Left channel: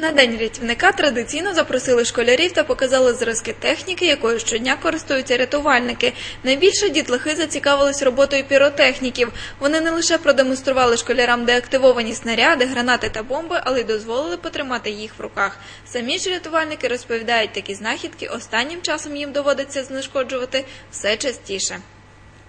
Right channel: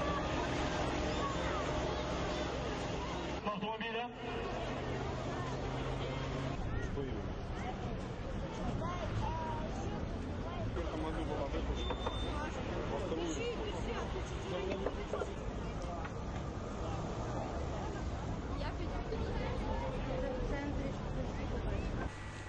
На день рятівника традиційно запросили школярів та показали зразки техніки, якою щодня користуються рятувальники. Найбільше дітлахи зацікавились роботою піротехніків. Вони не лише продемонстрували школярам деактивовані снаряди, гранати та бомби, але й дозволили потримати їх в руках. Самі ж рятувальники розповідають, такі знахідки останнім часом їм доводиться знешкоджувати все частіше.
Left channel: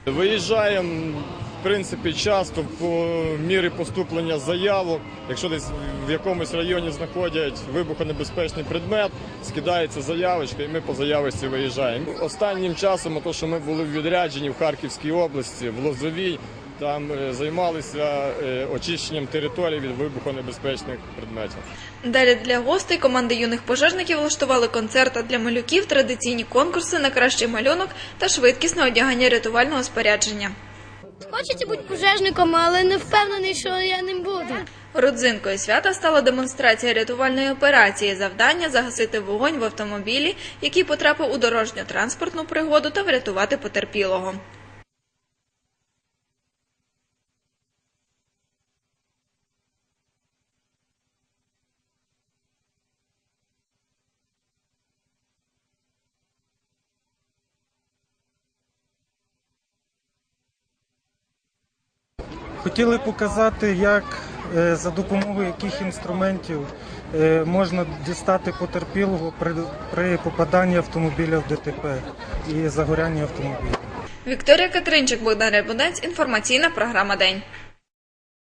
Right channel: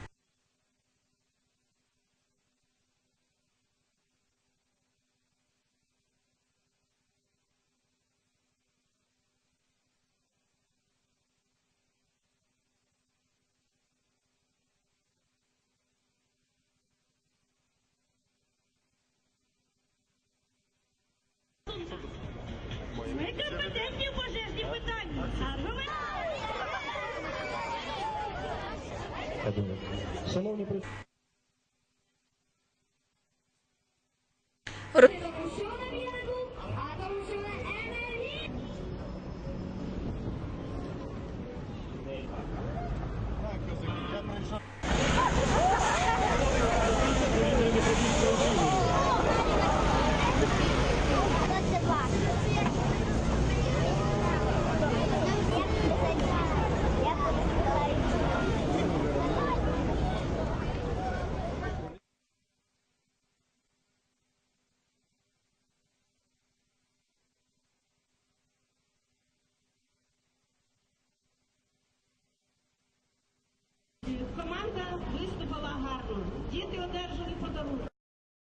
Виїжджаємо, принципі, часто по мірі поступлення заявок. Якщо десь в якомусь районі знаходять вибухонебезпечний предмет, скидається заявочка, і ми по заявочці виїжджаємо. Останнім часом, то, що ми були в відрядженні в Харківській області, в Лозовій, там е, займалися е, очищенням території від вибухонебезпечних предметів. Далі для гостей команди юних пожежників влаштували концерт а для малюків, традиційні конкурси на кращий малюнок та швидкісне одягання рятувального спорядження. Хочеться бути пожежником, але не впевнений, що я ним буду. Родзинкою свята стала демонстрація рятувальної операції. Завдання загасити вогонь в автомобілі, який потрапив у дорожньо-транспортну пригоду, та врятувати потерпілого. Хотіли показати, як е, за допомогою яких інструментів е, можна дістати потерпілого при, при попаданні автомобіля в ДТП і загорянні автомобіля. Вікторія Катеринчик, Богдан Рябунець, інформаційна програма День.